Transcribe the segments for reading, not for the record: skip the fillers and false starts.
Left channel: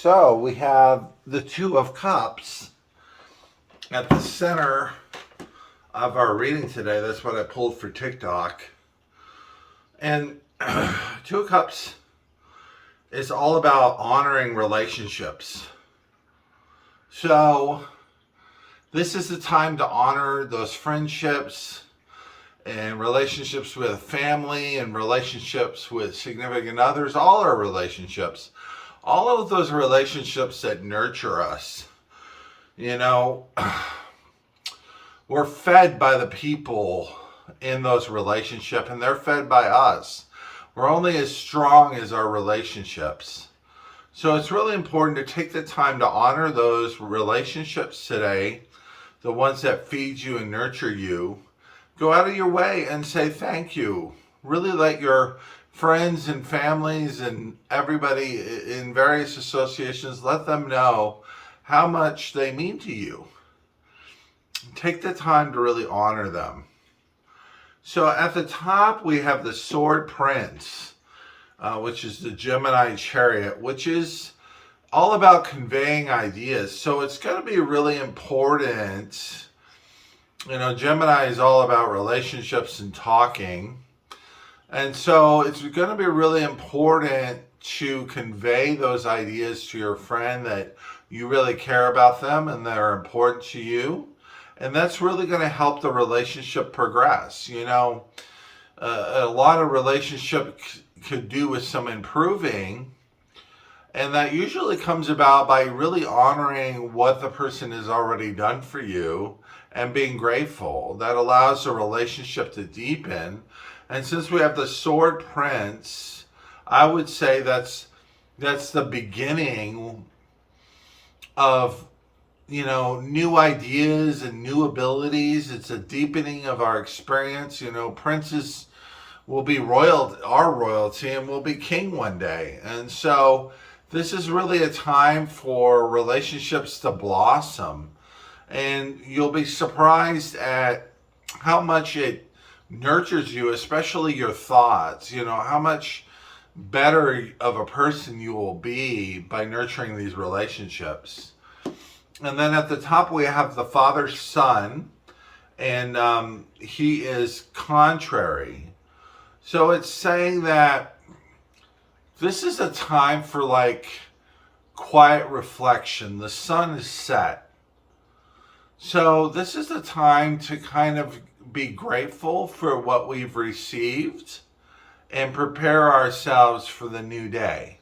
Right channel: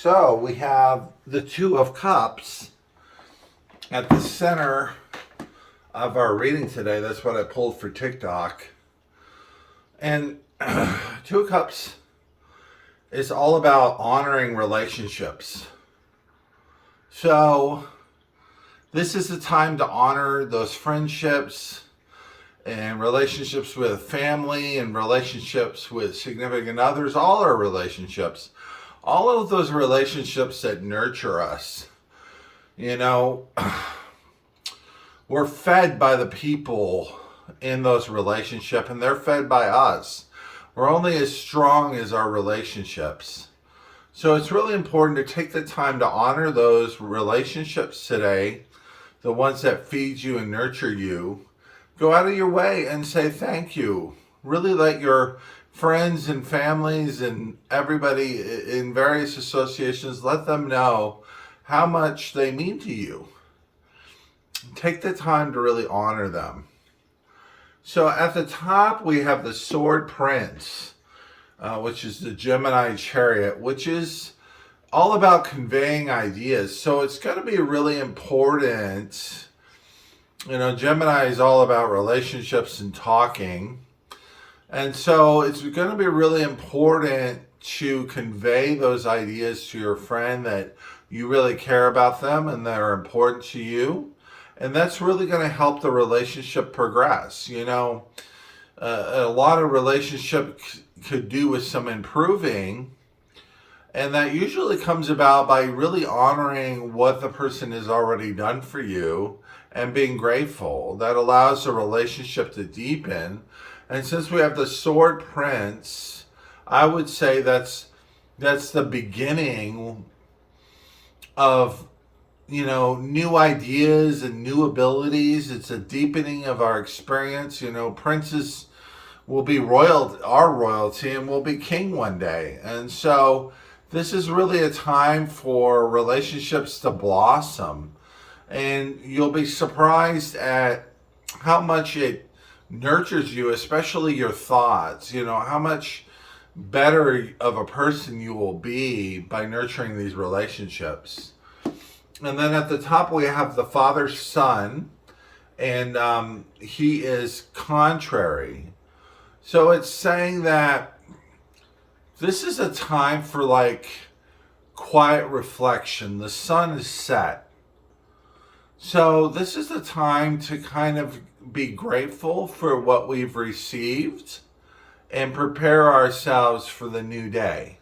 So we have the Two of Cups at the center of our reading today. That's what I pulled for TikTok. And Two of Cups is all about honoring relationships. So this is the time to honor those friendships and relationships with family and relationships with significant others, all our relationships, all of those relationships that nurture us. You know, we're fed by the people in those relationships, and they're fed by us. We're only as strong as our relationships. So it's really important to take the time to honor those relationships today, the ones that feed you and nurture you. Go out of your way and say thank you. Really let your friends and families and everybody in various associations, let them know how much they mean to you. Take the time to really honor them. So at the top, we have the Sword Prince, which is the Gemini chariot, which is all about conveying ideas. So it's going to be really important. You know, Gemini is all about relationships and talking. And so it's going to be really important to convey those ideas to your friend that you really care about them and they're important to you. And that's really going to help the relationship progress. You know, a lot of relationships could do with some improving. And that usually comes about by really honoring what the person has already done for you and being grateful. That allows the relationship to deepen. And since we have the Sword Prince, I would say that's the beginning of, you know, new ideas and new abilities. It's a deepening of our experience. You know, princes will be our royalty, and will be king one day. And so this is really a time for relationships to blossom. And you'll be surprised at how much it nurtures you, especially your thoughts. You know, how much better of a person you will be by nurturing these relationships. And then at the top, we have the Father Son, and he is contrary. So it's saying that this is a time for like quiet reflection. The sun is set. So this is the time to kind of be grateful for what we've received and prepare ourselves for the new day.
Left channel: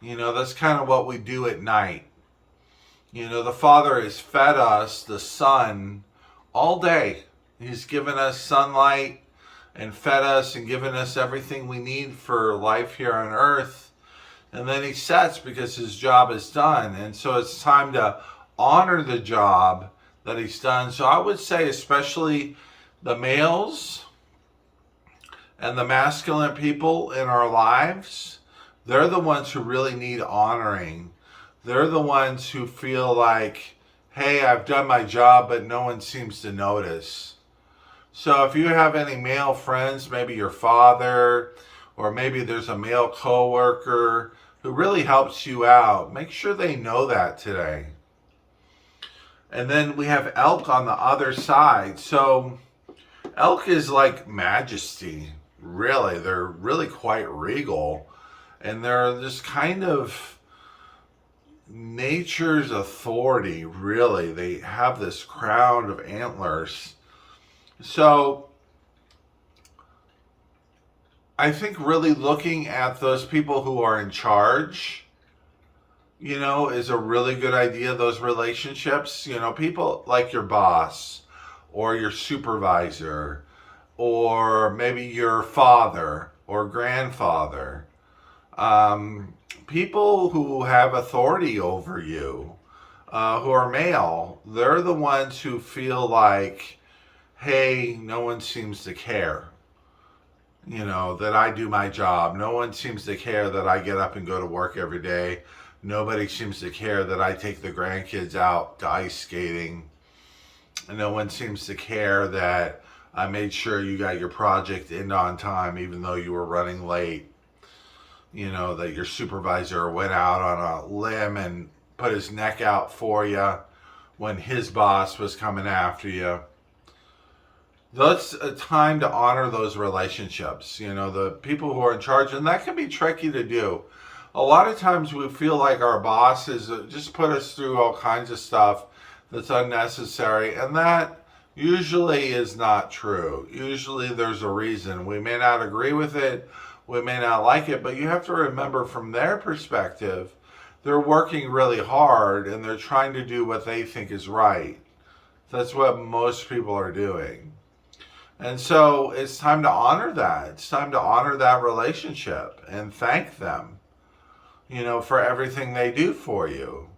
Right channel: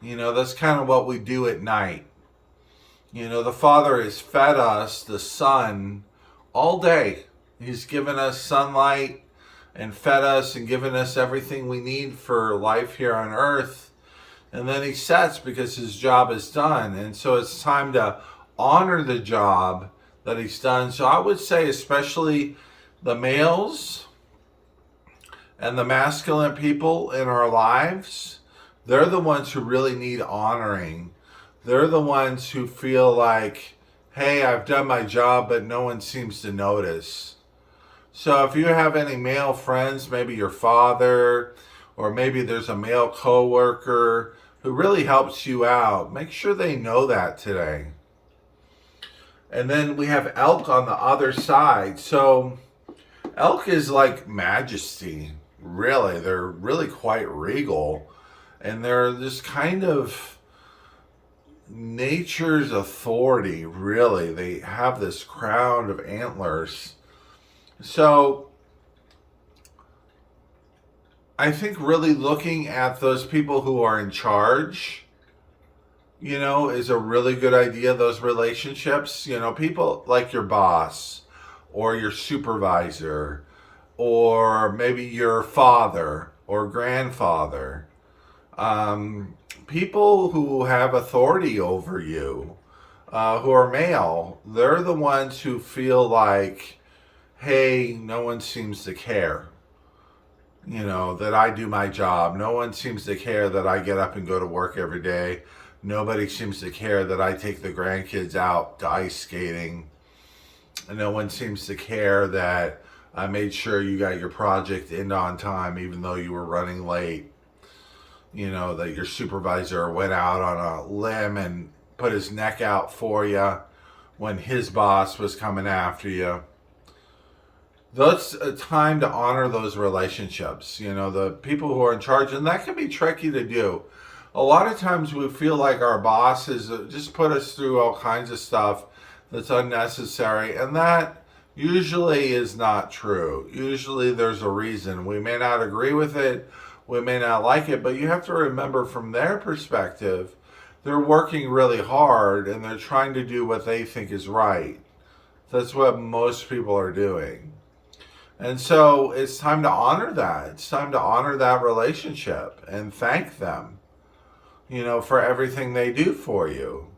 You know, that's kind of what we do at night. You know, the Father has fed us the sun all day. He's given us sunlight and fed us and given us everything we need for life here on earth. And then he sets because his job is done. And so it's time to honor the job that he's done. So I would say especially the males and the masculine people in our lives, they're the ones who really need honoring. They're the ones who feel like, hey, I've done my job, but no one seems to notice. So if you have any male friends, maybe your father, or maybe there's a male coworker who really helps you out, make sure they know that today. And then we have Elk on the other side. So Elk is like majesty, really. They're really quite regal. And they're this kind of nature's authority, really. They have this crown of antlers. So I think really looking at those people who are in charge, you know, is a really good idea. Those relationships, you know, people like your boss or your supervisor or maybe your father or grandfather, people who have authority over you, who are male, they're the ones who feel like, hey, no one seems to care, you know, that I do my job. No one seems to care that I get up and go to work every day. Nobody seems to care that I take the grandkids out to ice skating. And no one seems to care that I made sure you got your project in on time, even though you were running late. that your supervisor went out on a limb and put his neck out for you when his boss was coming after you. That's a time to honor those relationships, the people who are in charge, and that can be tricky to do. A lot of times we feel like our bosses just put us through all kinds of stuff that's unnecessary, and that usually is not true. Usually there's a reason. We may not agree with it, we may not like it, but you have to remember from their perspective, they're working really hard and they're trying to do what they think is right. That's what most people are doing. And so it's time to honor that. It's time to honor that relationship and thank them, for everything they do for you.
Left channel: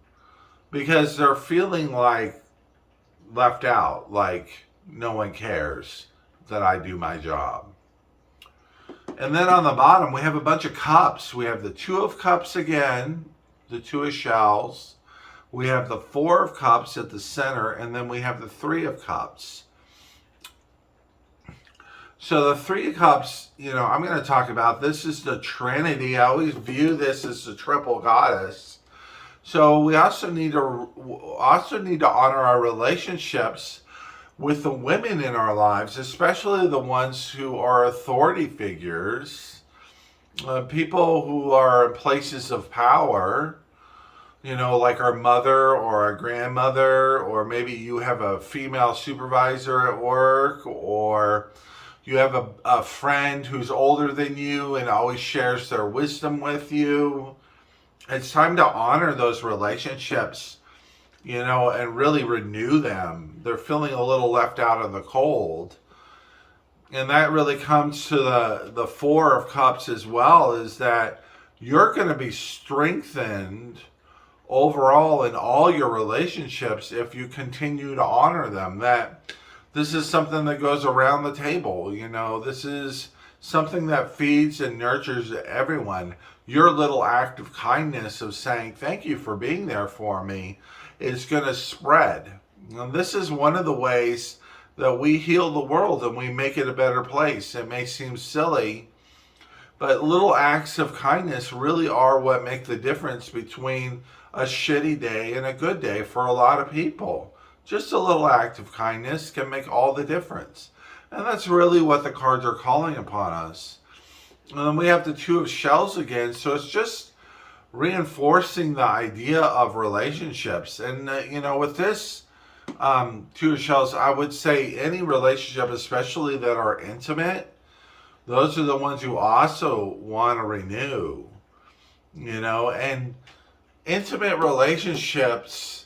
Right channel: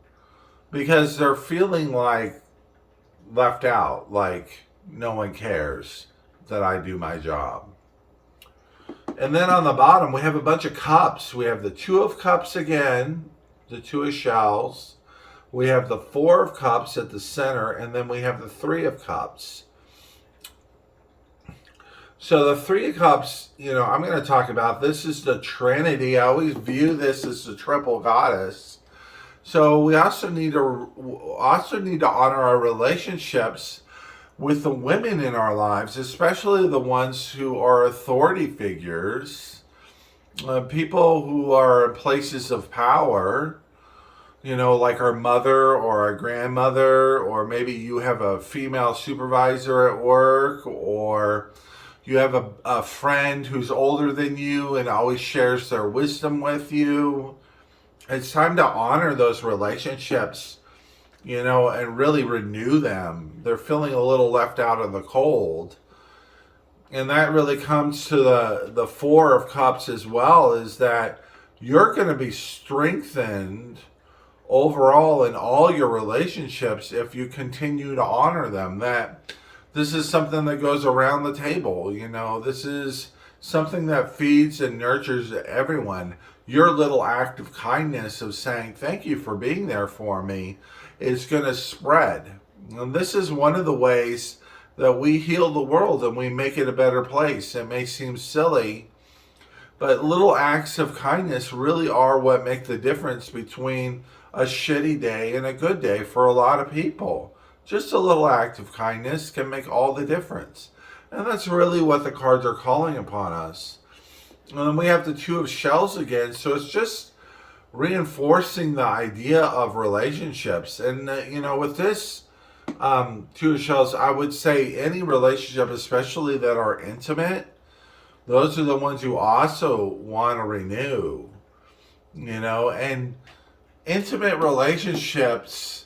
Because they're feeling like left out, like no one cares that I do my job. And then on the bottom, we have a bunch of cups. We have the Two of Cups again, the Two of Shells. We have the Four of Cups at the center, and then we have the Three of Cups. So the Three of Cups, I'm going to talk about, this is the Trinity. I always view this as the triple goddess. So we also need to honor our relationships with the women in our lives, especially the ones who are authority figures, people who are in places of power, like our mother or our grandmother, or maybe you have a female supervisor at work, or you have a friend who's older than you and always shares their wisdom with you. It's time to honor those relationships, and really renew them. They're feeling a little left out in the cold. And that really comes to the Four of Cups as well, is that you're going to be strengthened overall in all your relationships if you continue to honor them. That this is something that goes around the table. This is something that feeds and nurtures everyone. Your little act of kindness of saying, thank you for being there for me, is going to spread. And this is one of the ways that we heal the world and we make it a better place. It may seem silly, but little acts of kindness really are what make the difference between a shitty day and a good day for a lot of people. Just a little act of kindness can make all the difference. And that's really what the cards are calling upon us. And then we have the Two of Shells again. So it's just reinforcing the idea of relationships. And, with this Two of Shells, I would say any relationship, especially that are intimate, those are the ones you also want to renew. And intimate relationships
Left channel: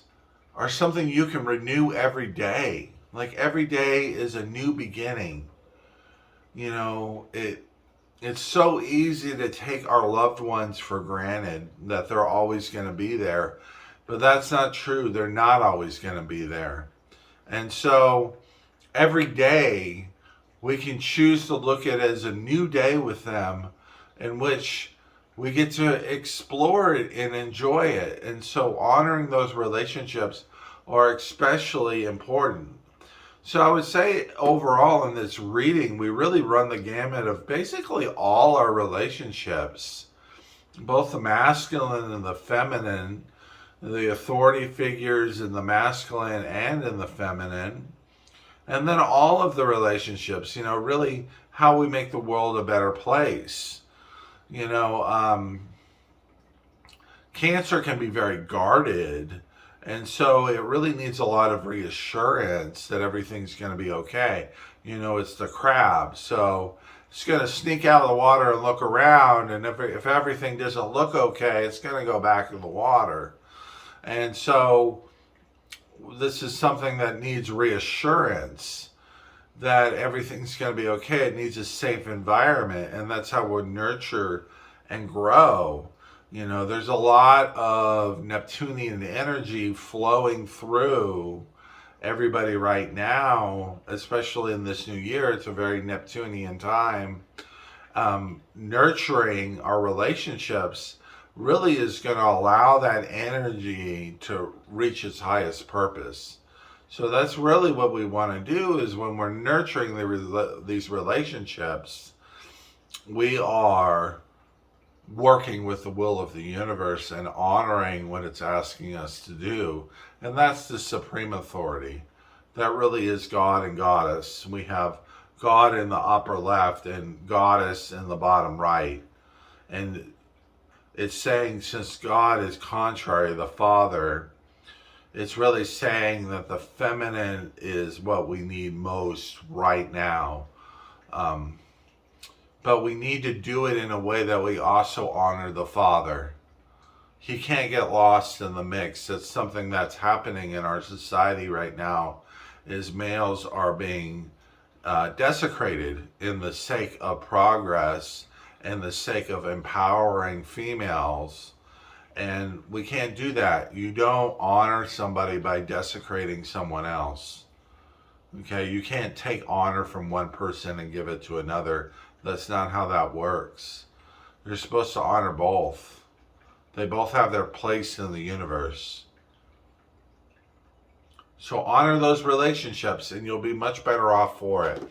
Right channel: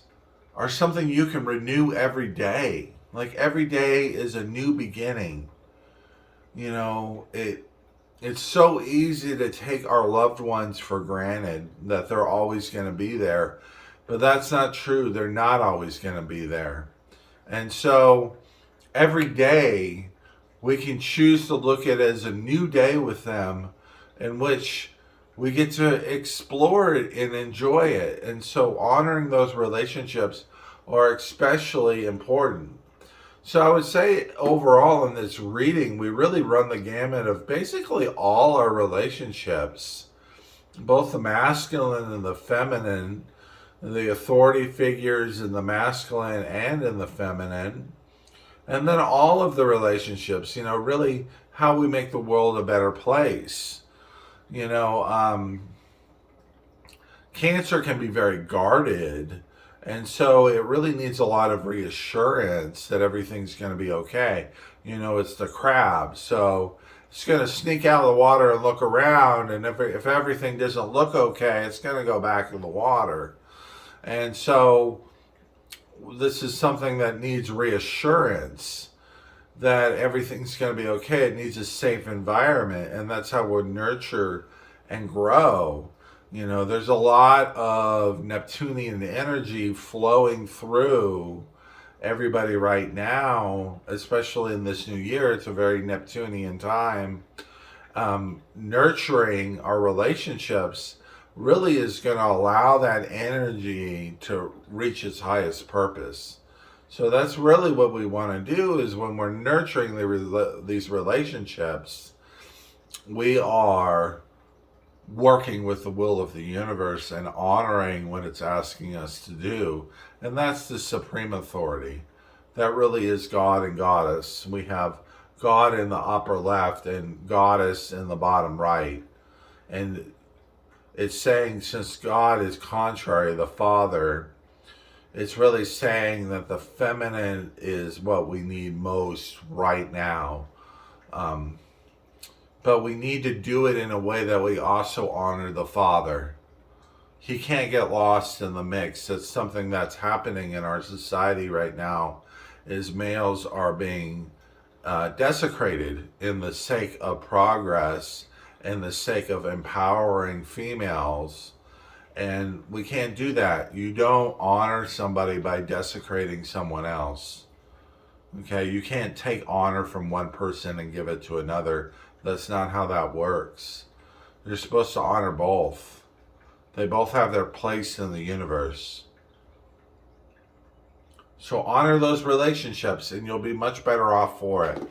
are something you can renew every day. Like every day is a new beginning. It's so easy to take our loved ones for granted, that they're always going to be there. But that's not true. They're not always going to be there. And so every day we can choose to look at it as a new day with them, in which we get to explore it and enjoy it. And so honoring those relationships are especially important. So I would say overall in this reading, we really run the gamut of basically all our relationships, both the masculine and the feminine, the authority figures in the masculine and in the feminine, and then all of the relationships, really how we make the world a better place. Cancer can be very guarded. And so it really needs a lot of reassurance that everything's going to be okay. It's the crab. So it's going to sneak out of the water and look around. And if everything doesn't look okay, it's going to go back in the water. And so this is something that needs reassurance that everything's going to be okay. It needs a safe environment. And that's how we'll nurture and grow. There's a lot of Neptunian energy flowing through everybody right now, especially in this new year. It's a very Neptunian time. Nurturing our relationships really is going to allow that energy to reach its highest purpose. So that's really what we want to do, is when we're nurturing these relationships, we are working with the will of the universe and honoring what it's asking us to do. And that's the supreme authority. That really is God and Goddess. We have God in the upper left and Goddess in the bottom right. And it's saying, since God is contrary, the Father, it's really saying that the feminine is what we need most right now. But we need to do it in a way that we also honor the Father. He can't get lost in the mix. That's something that's happening in our society right now, is males are being desecrated in the sake of progress and the sake of empowering females. And we can't do that. You don't honor somebody by desecrating someone else. Okay, you can't take honor from one person and give it to another. That's not how that works. You're supposed to honor both. They both have their place in the universe. So honor those relationships and you'll be much better off for it.